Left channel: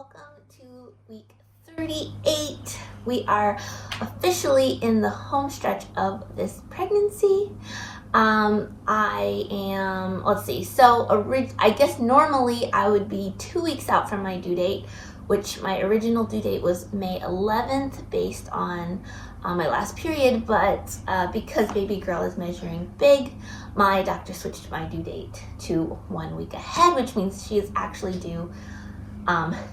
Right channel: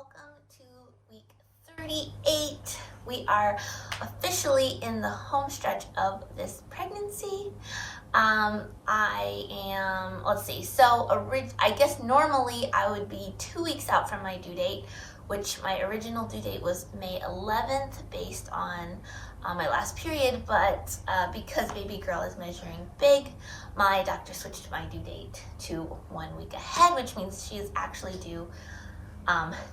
welcome to week 38. We are officially in the home stretch of this pregnancy. I guess normally I would be 2 weeks out from my due date, which my original due date was May 11th based on my last period, but because baby girl is measuring big, my doctor switched my due date to 1 week ahead, which means she is actually due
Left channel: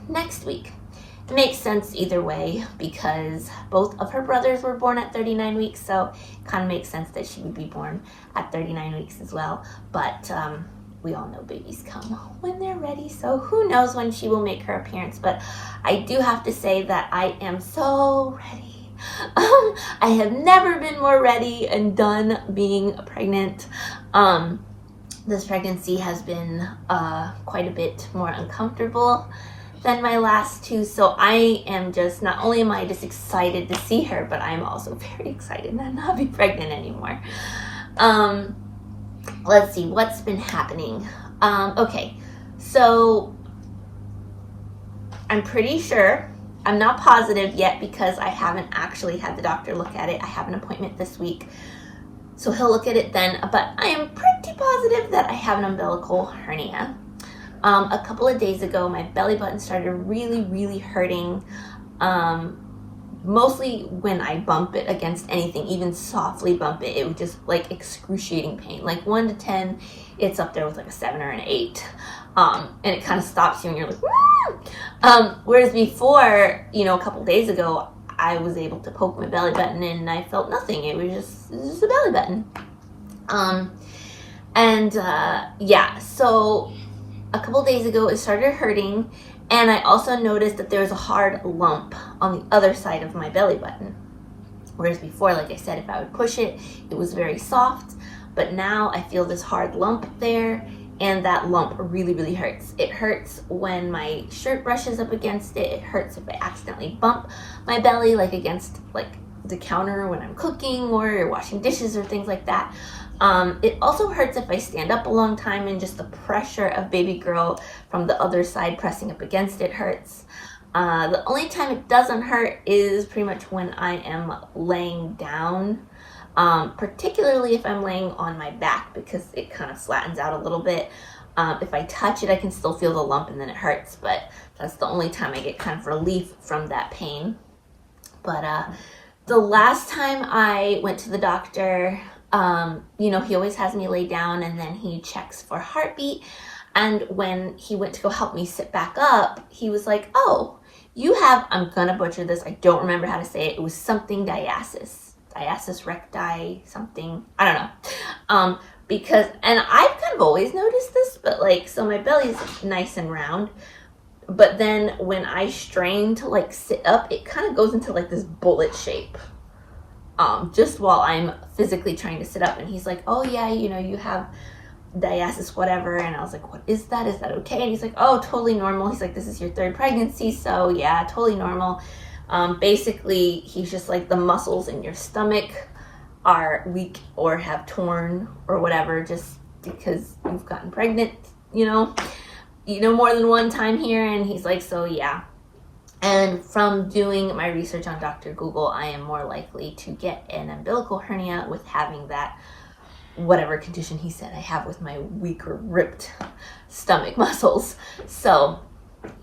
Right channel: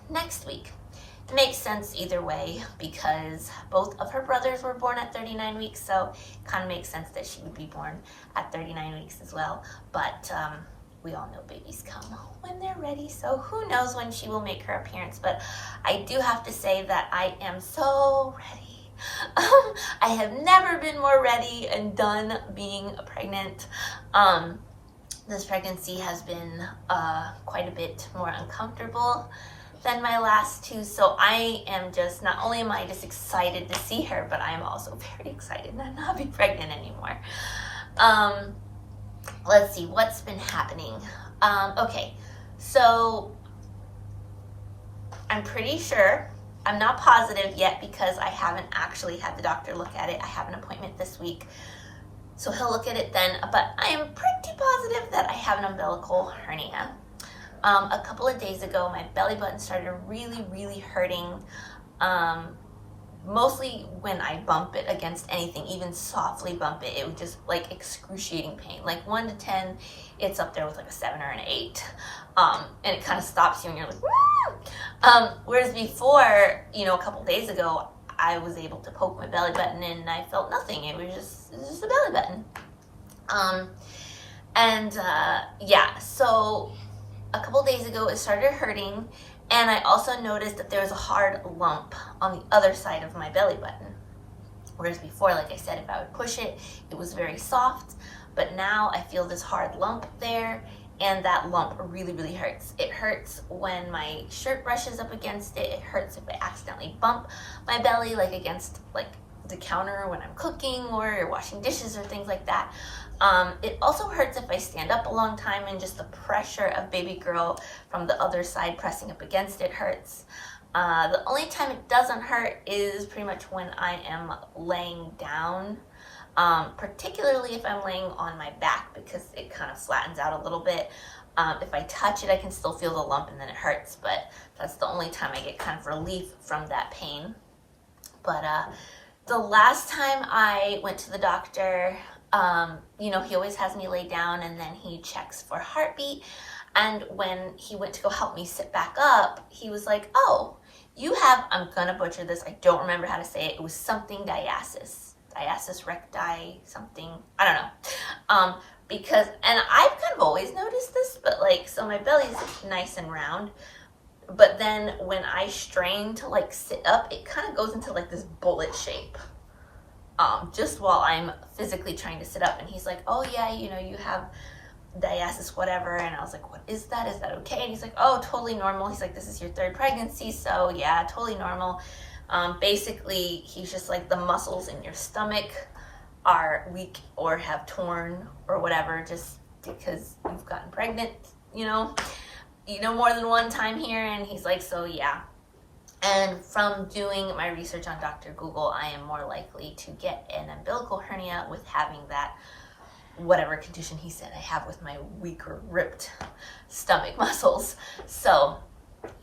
next week. It makes sense either way because both of her brothers were born at 39 weeks, so it kind of makes sense that she would be born at 39 weeks as well. But we all know babies come when they're ready, so who knows when she will make her appearance. But I do have to say that I am so ready. I have never been more ready and done being pregnant. This pregnancy has been quite a bit more uncomfortable than my last two, so I am just, not only am I just excited to see her, but I'm also very excited to not be pregnant anymore. Let's see what's been happening. Okay, so I'm pretty sure, I'm not positive yet because I haven't actually had the doctor look at it. I have an appointment this week, so he'll look at it then, but I am pretty positive that I have an umbilical hernia. A couple of days ago, my belly button started really hurting, mostly when I bump it against anything, even softly bump it. It was just like excruciating pain. Like 1 to 10, it's up there with like a 7 or an 8. And it kind of stops you and you're like, woo! Whereas before, a couple days ago, I was able to poke my belly button and I felt nothing. It was just a belly button. So a couple days ago, it started hurting, and I also noticed that there was a hard lump on the other side of my belly button. Whereas before, like I said, if I would push it, it was very soft, but now I feel this hard lump there, and that lump really hurts. It hurts when my shirt brushes up against it. It hurts if I accidentally bump my belly, like against the counter when I'm cooking or washing dishes or things like that. It also hurts if I stand up a long time, and just the pressure of baby girl from the other side pressing up against it hurts. The only time it doesn't hurt is pretty much when I am laying down, particularly if I'm laying on my back because it kind of flattens out a little bit. If I touch it, I can still feel the lump and then it hurts, but that's the only time I get kind of relief from that pain. But the last time I went to the doctor, he always has me lay down and then he checks for heartbeat. And when he went to go help me sit back up, he was like, oh, you have, I'm gonna butcher this, I don't remember how to say it. It was something diastasis recti, something, I don't know. And I've kind of always noticed this, but so my belly's nice and round. But then when I strain to sit up, it kind of goes into this bullet shape. Just while I'm physically trying to sit up, and he's like, oh yeah, you have diastasis whatever, and I was like, what is that? Is that okay? And he's like, oh, totally normal. He's like, this is your 3rd pregnancy, so yeah, totally normal. Basically, he's just like, the muscles in your stomach are weak or have torn or whatever, just because you've gotten pregnant, more than one time here. And he's like, so yeah. And from doing my research on Dr. Google, I am more likely to get an umbilical hernia with having that, whatever condition he said I have with my weak or ripped stomach muscles. So,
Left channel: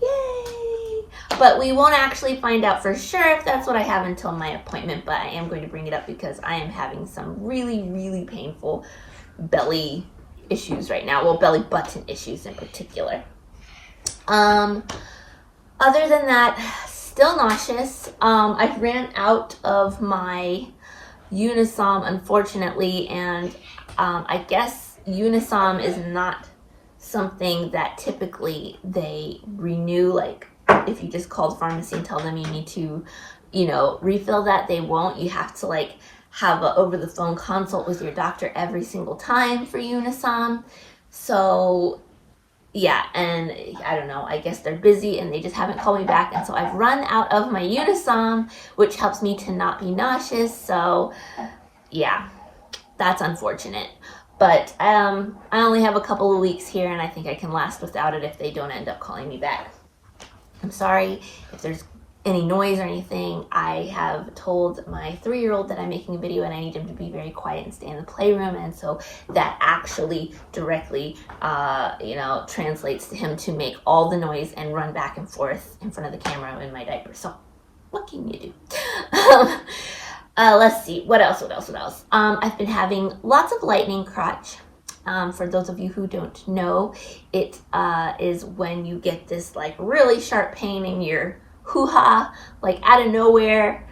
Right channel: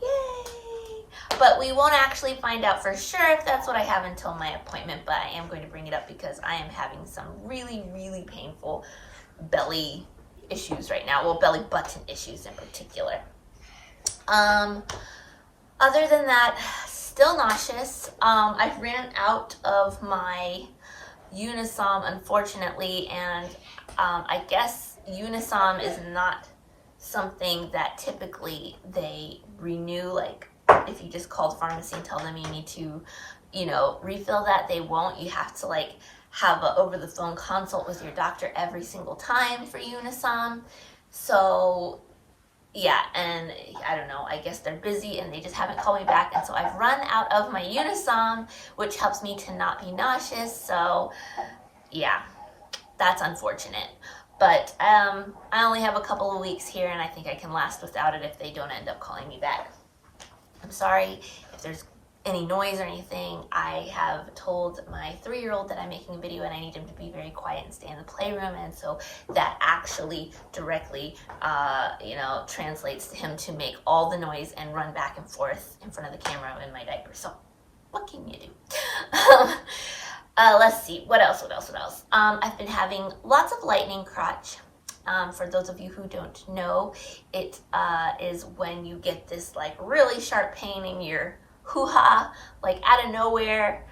yay! But we won't actually find out for sure if that's what I have until my appointment, but I am going to bring it up because I am having some really painful belly issues right now. Well, belly button issues in particular. Other than that, still nauseous. I ran out of my Unisom, unfortunately, and I guess Unisom is not something that typically they renew. If you just call the pharmacy and tell them you need to, refill that, they won't. You have to have a over-the-phone consult with your doctor every single time for Unisom. So yeah, and I don't know, I guess they're busy and they just haven't called me back. And so I've run out of my Unisom, which helps me to not be nauseous. So yeah, that's unfortunate. But I only have a couple of weeks here and I think I can last without it if they don't end up calling me back. I'm sorry if there's any noise or anything. I have told my 3-year-old that I'm making a video and I need him to be very quiet and stay in the playroom, and so that actually directly translates to him to make all the noise and run back and forth in front of the camera in my diaper. So what can you do? Let's see, what else? I've been having lots of lightning crotch. For those of you who don't know, it is when you get this like really sharp pain in your hoo-ha, like out of nowhere,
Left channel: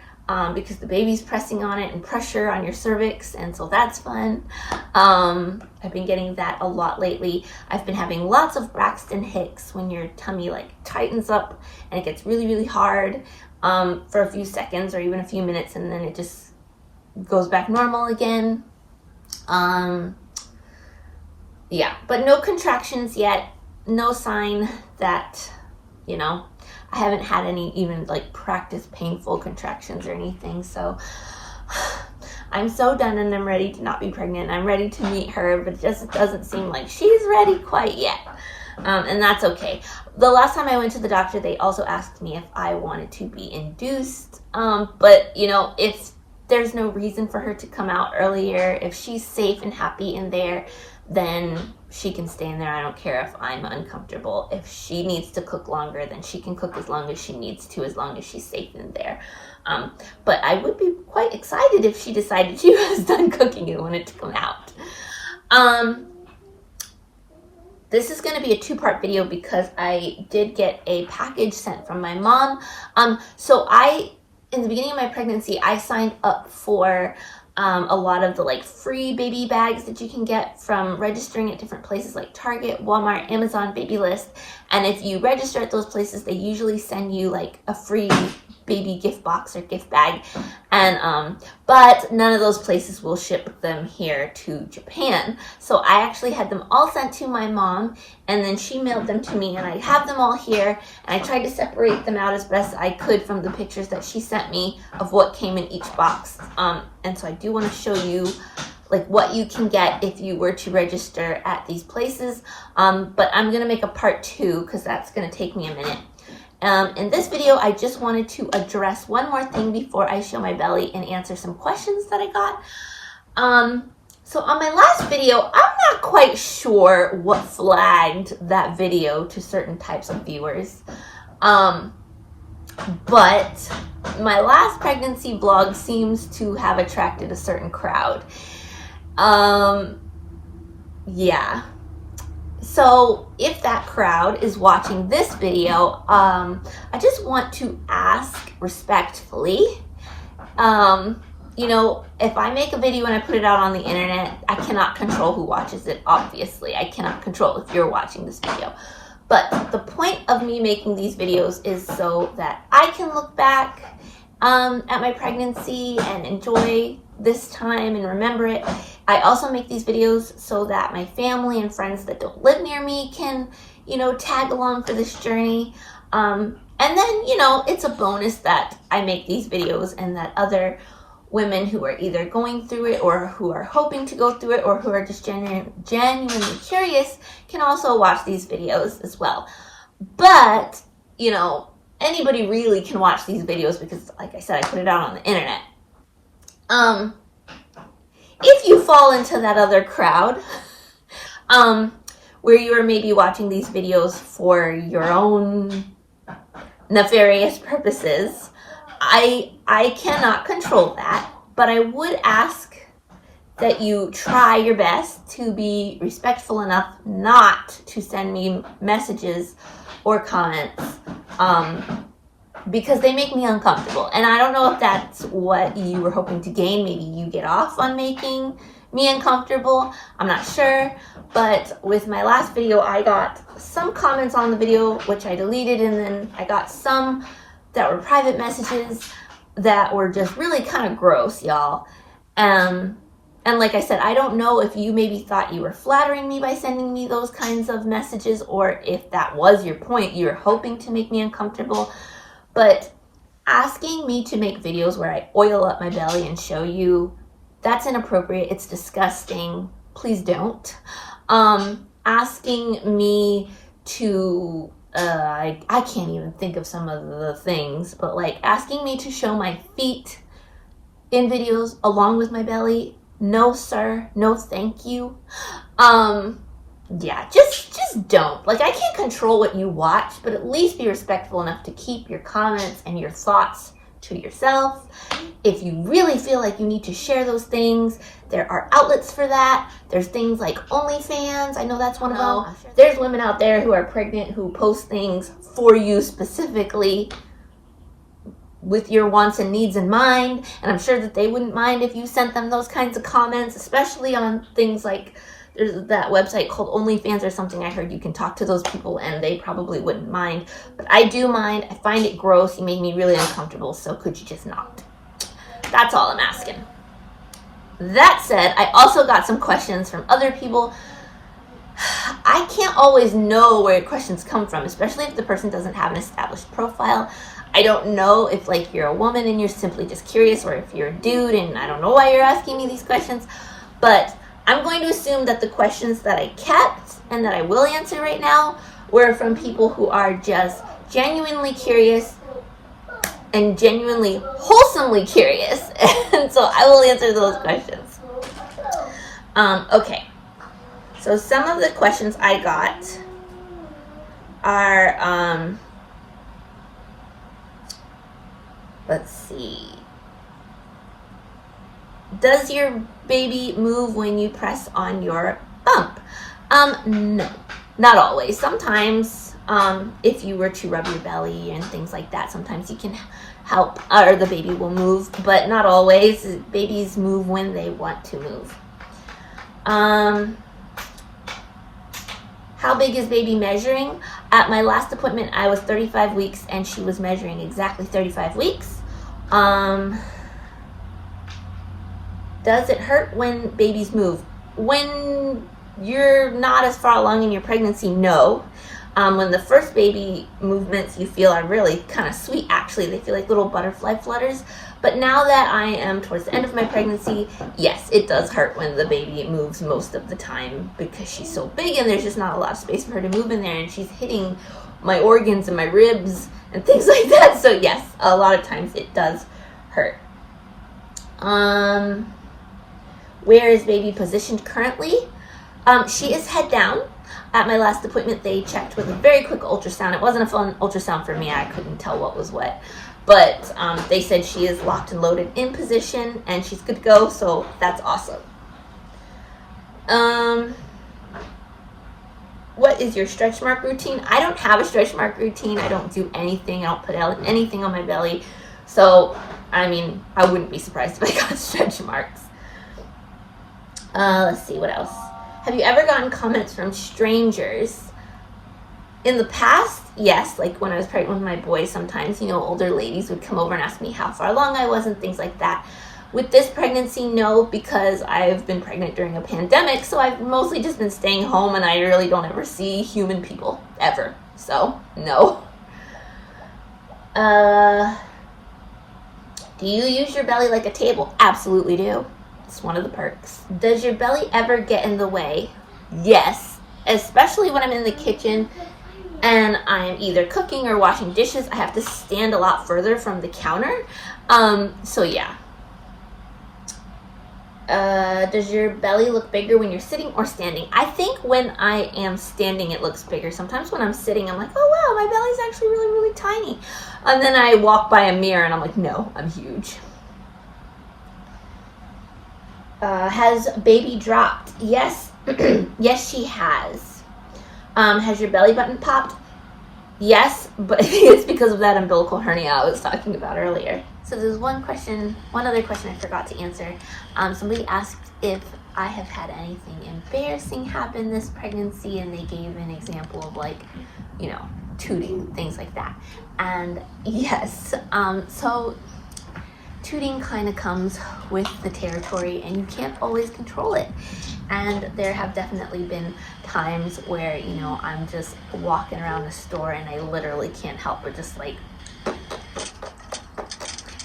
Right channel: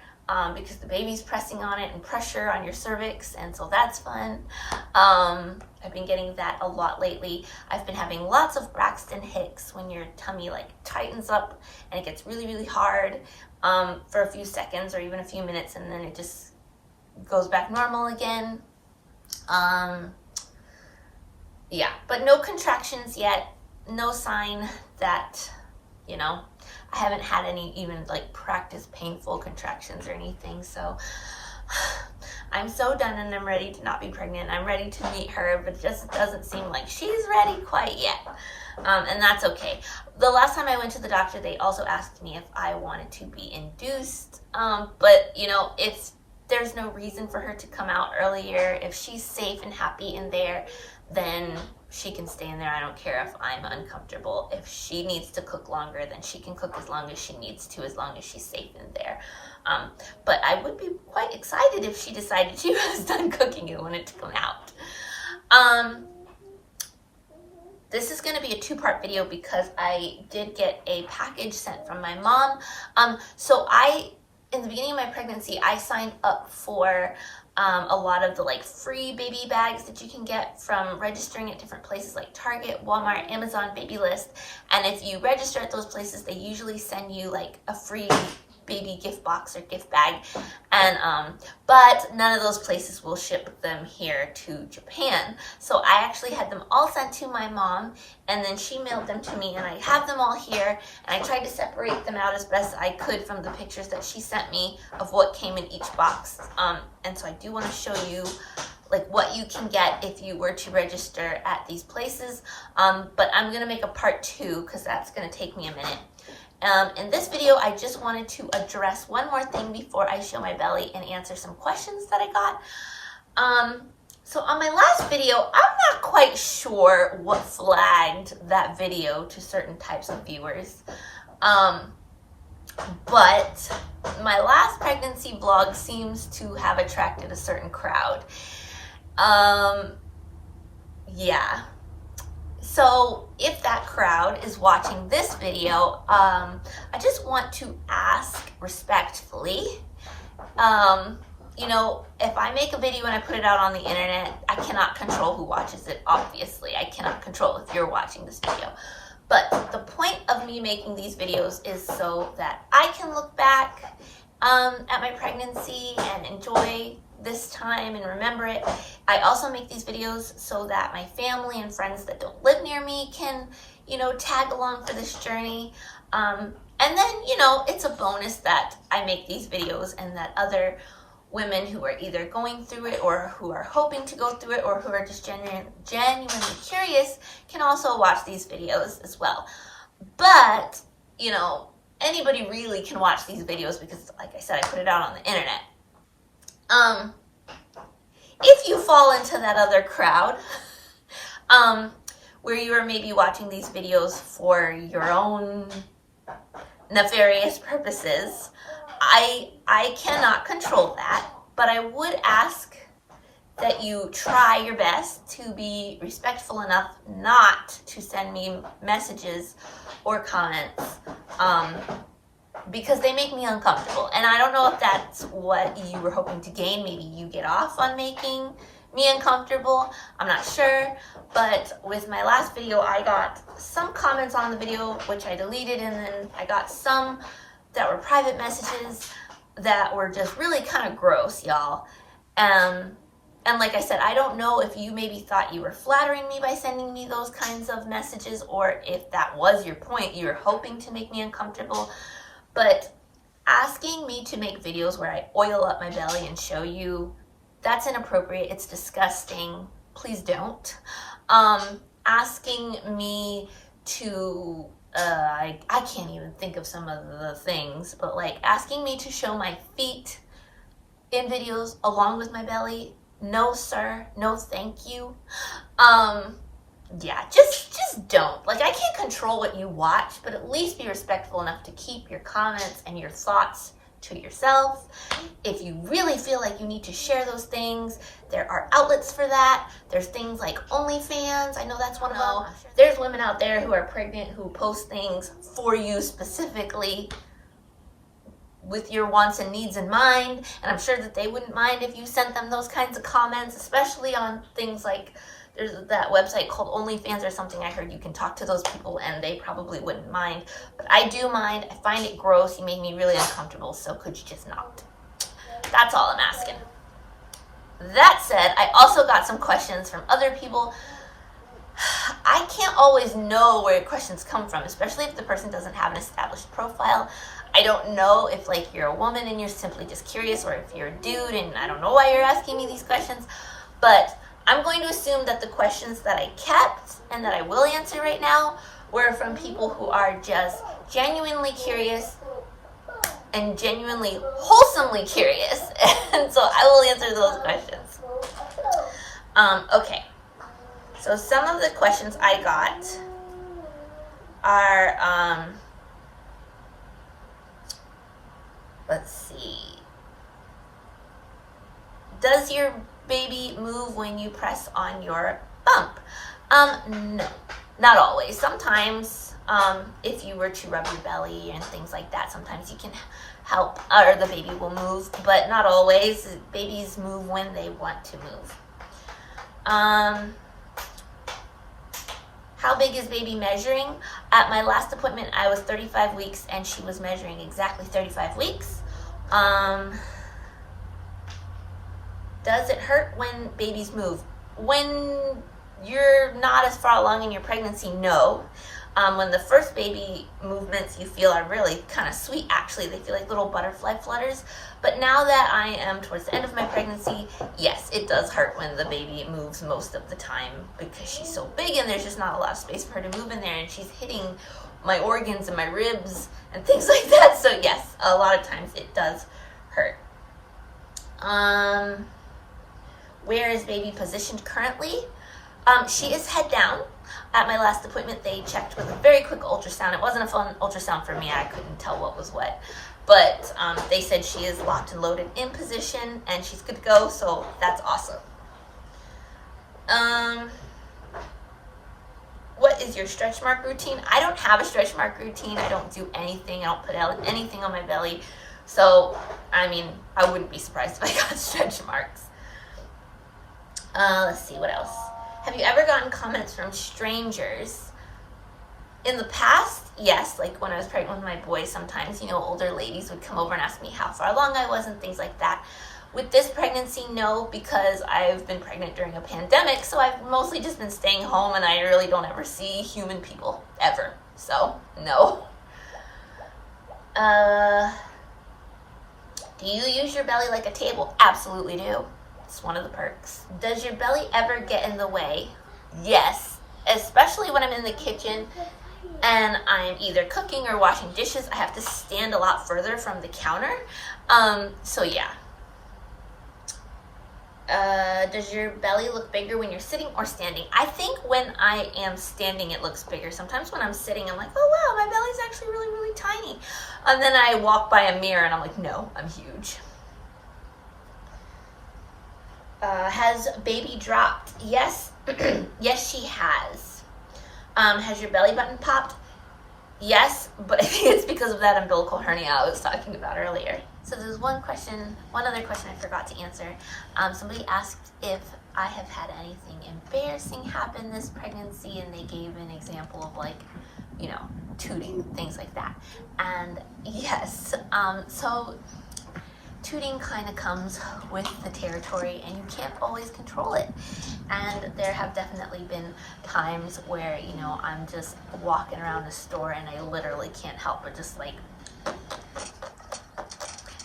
because the baby's pressing on it and pressure on your cervix, and so that's fun. I've been getting that a lot lately. I've been having lots of Braxton Hicks, when your tummy like tightens up and it gets really, really hard for a few seconds or even a few minutes, and then it just goes back normal again. Yeah, but no contractions yet. No sign that, I haven't had any even like practice painful contractions or anything. So I'm so done and I'm ready to not be pregnant. I'm ready to meet her, but it just doesn't seem like she's ready quite yet. And that's okay. The last time I went to the doctor, they also asked me if I wanted to be induced. But if there's no reason for her to come out earlier, if she's safe and happy in there, then she can stay in there. I don't care if I'm uncomfortable. If she needs to cook longer, then she can cook as long as she needs to, as long as she's safe in there. But I would be quite excited if she decided she was done cooking and wanted to come out. This is going to be a 2-part video because I did get a package sent from my mom. So in the beginning of my pregnancy, I signed up for a lot of the like free baby bags that you can get from registering at different places like Target, Walmart, Amazon, Babylist. And if you register at those places, they usually send you like a free baby gift box or gift bag. And but none of those places will ship them here to Japan. So I actually had them all sent to my mom, and then she mailed them to me, and I have them all here, and I tried to separate them out as best I could from the pictures that she sent me of what came in each box. And so I do want to show you like what you can get if you were to register at these places. But I'm going to make a part 2 because that's going to take me a minute. In this video, I just wanted to address one more thing before I show my belly and answer some questions that I got. So on my last video, I'm not quite sure what flagged that video to certain types of viewers. But my last pregnancy vlog seems to have attracted a certain crowd. Yeah. So if that crowd is watching this video, I just want to ask respectfully, if I make a video and I put it out on the internet, I cannot control who watches it, obviously. I cannot control if you're watching this video. But the point of me making these videos is so that I can look back at my pregnancy and enjoy this time and remember it. I also make these videos so that my family and friends that don't live near me can, tag along for this journey. And then, it's a bonus that I make these videos and that other women who are either going through it or who are hoping to go through it or who are just genuinely curious can also watch these videos as well. But, anybody really can watch these videos because, like I said, I put it out on the internet. If you fall into that other crowd, where you are maybe watching these videos for your own nefarious purposes, I cannot control that, but I would ask that you try your best to be respectful enough not to send me messages or comments, because they make me uncomfortable. And I don't know if that's what you were hoping to gain. Maybe you get off on making me uncomfortable. I'm not sure. But with my last video, I got some comments on the video, which I deleted, and then I got some that were private messages that were just really kind of gross, y'all. And like I said, I don't know if you maybe thought you were flattering me by sending me those kinds of messages, or if that was your point, you were hoping to make me uncomfortable. But asking me to make videos where I oil up my belly and show you, that's inappropriate. It's disgusting. Please don't. Asking me to I can't even think of some of the things, but like asking me to show my feet in videos along with my belly, no sir, no thank you. Yeah, just don't. Like, I can't control what you watch, but at least be respectful enough to keep your comments and your thoughts to yourself. If you really feel like you need to share those things, there are outlets for that. There's things like OnlyFans. I know that's one of them. There's women out there who are pregnant who post things for you specifically with your wants and needs in mind. And I'm sure that they wouldn't mind if you sent them those kinds of comments, especially on things like, there's that website called OnlyFans or something. I heard you can talk to those people and they probably wouldn't mind. But I do mind. I find it gross. You make me really uncomfortable. So could you just not? That's all I'm asking. That said, I also got some questions from other people. I can't always know where questions come from, especially if the person doesn't have an established profile. I don't know if like you're a woman and you're simply just curious, or if you're a dude and I don't know why you're asking me these questions. But I'm going to assume that the questions that I kept and that I will answer right now were from people who are just genuinely curious and genuinely wholesomely curious. And so I will answer those questions. Okay. So some of the questions I got are, let's see. Does your baby move when you press on your bump? No, not always. Sometimes, if you were to rub your belly and things like that, sometimes you can help, or the baby will move, but not always. Babies move when they want to move. How big is baby measuring? At my last appointment, I was 35 weeks and she was measuring exactly 35 weeks. Does it hurt when babies move? When you're not as far along in your pregnancy, no. When the first baby movements you feel are really kind of sweet, actually. They feel like little butterfly flutters. But now that I am towards the end of my pregnancy, yes, it does hurt when the baby moves most of the time because she's so big and there's just not a lot of space for her to move in there, and she's hitting my organs and my ribs and things like that. So yes, a lot of times it does hurt. Where is baby positioned currently? She is head down. At my last appointment, they checked with a very quick ultrasound. It wasn't a fun ultrasound for me. I couldn't tell what was what. But they said she is locked and loaded in position and she's good to go. So that's awesome. What is your stretch mark routine? I don't have a stretch mark routine. I don't do anything. I don't put anything on my belly. So, I mean, I wouldn't be surprised if I got stretch marks. Let's see, what else? Have you ever gotten comments from strangers? In the past, yes. Like when I was pregnant with my boy, sometimes, you know, older ladies would come over and ask me how far along I was and things like that. With this pregnancy, no, because I've been pregnant during a pandemic, so I've mostly just been staying home and I really don't ever see human people, ever. So, no. Do you use your belly like a table? Absolutely do. It's one of the perks. Does your belly ever get in the way? Yes, especially when I'm in the kitchen and I'm either cooking or washing dishes. I have to stand a lot further from the counter. So yeah. Does your belly look bigger when you're sitting or standing? I think when I am standing, it looks bigger. Sometimes when I'm sitting, I'm like, oh wow, my belly's actually really, really tiny. And then I walk by a mirror and I'm like, no, I'm huge. Has baby dropped? Yes. Yes, she has. Has your belly button popped? Yes, but it's because of that umbilical hernia I was talking about earlier. So there's one other question I forgot to answer. Somebody asked if I have had anything embarrassing happen this pregnancy, and they gave an example of, like, you know, tooting, things like that. And yes, so tooting kind of comes with the territory and you can't always control it. And there have definitely been times where, you know, I'm just walking around the store and I literally can't help but just like,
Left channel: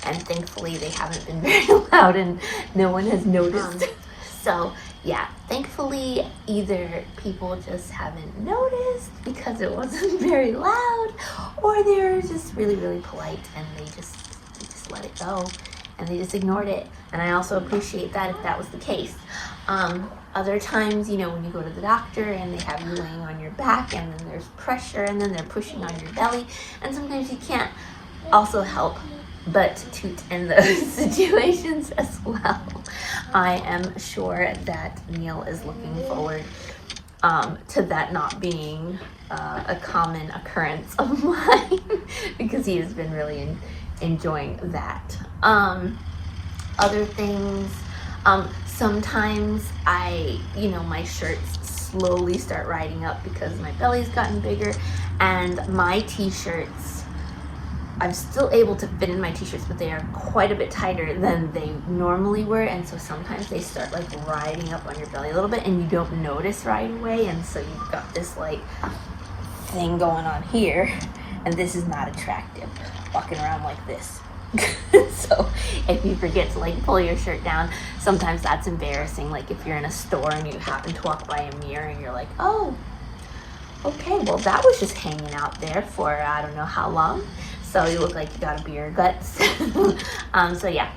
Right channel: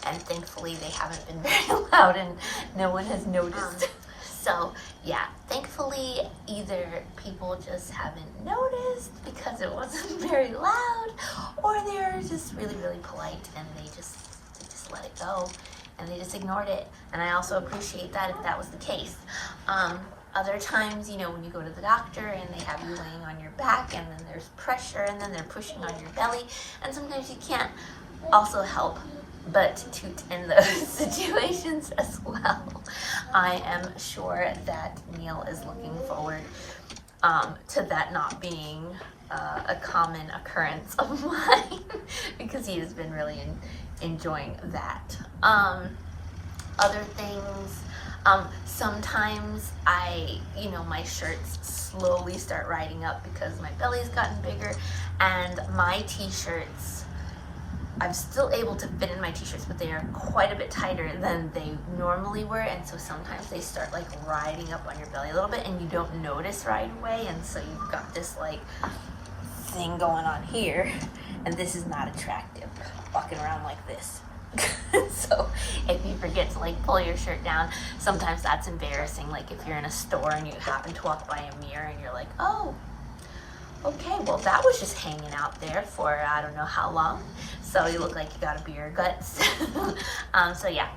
and thankfully they haven't been very loud and no one has noticed. So yeah, thankfully either people just haven't noticed because it wasn't very loud, or they're just really, really polite and they just let it go and they just ignored it. And I also appreciate that if that was the case. Other times, you know, when you go to the doctor and they have you laying on your back and then there's pressure and then they're pushing on your belly, and sometimes you can't also help but toot in those situations as well. I am sure that Neil is looking forward to that not being a common occurrence of mine because he has been really enjoying that. Other things, sometimes my shirts slowly start riding up because my belly's gotten bigger, and my t-shirts, I'm still able to fit in my t-shirts, but they are quite a bit tighter than they normally were, and so sometimes they start like riding up on your belly a little bit and you don't notice right away, and so you've got this like thing going on here, and this is not attractive, walking around like this. So if you forget to like pull your shirt down, sometimes that's embarrassing. Like if you're in a store and you happen to walk by a mirror and you're like, oh, okay, well that was just hanging out there for I don't know how long, so you look like you got a beer guts. So yeah,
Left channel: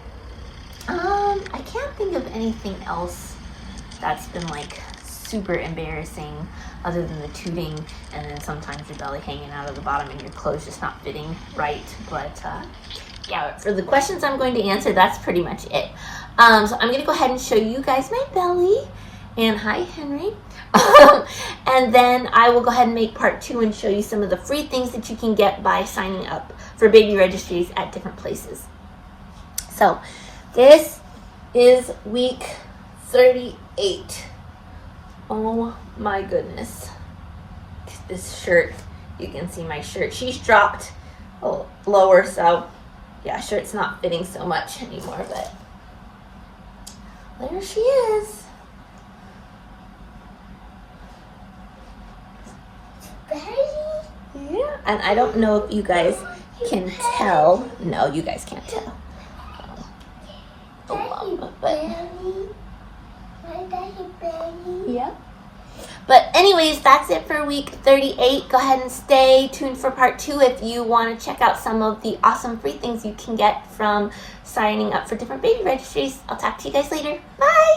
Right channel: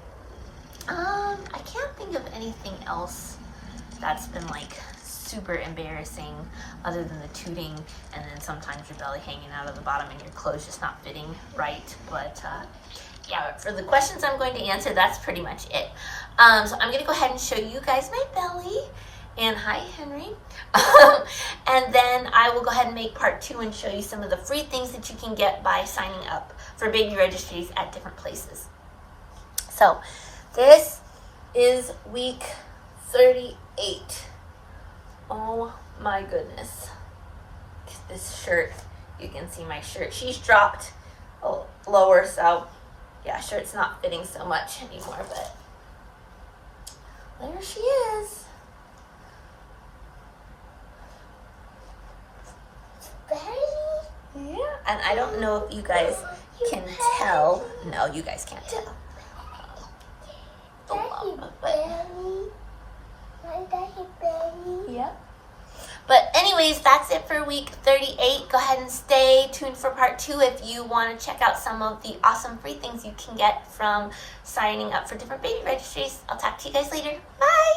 I can't think of anything else that's been like super embarrassing other than the tooting and then sometimes your belly hanging out of the bottom and your clothes just not fitting right. But yeah, for the questions I'm going to answer, that's pretty much it. So I'm gonna go ahead and show you guys my belly. And hi, Henry. And then I will go ahead and make part 2 and show you some of the free things that you can get by signing up for baby registries at different places. So this is week 38. Oh my goodness. This shirt, you can see my shirt. She's dropped lower, so yeah, shirt's not fitting so much anymore, but there she is. Yeah, and I don't know if you guys can tell. No, you guys can't tell. But yeah. But anyways, that's it for week 38. Go ahead and stay tuned for part 2 if you want to check out some of the awesome free things you can get from signing up for different baby registries. I'll talk to you guys later. Bye!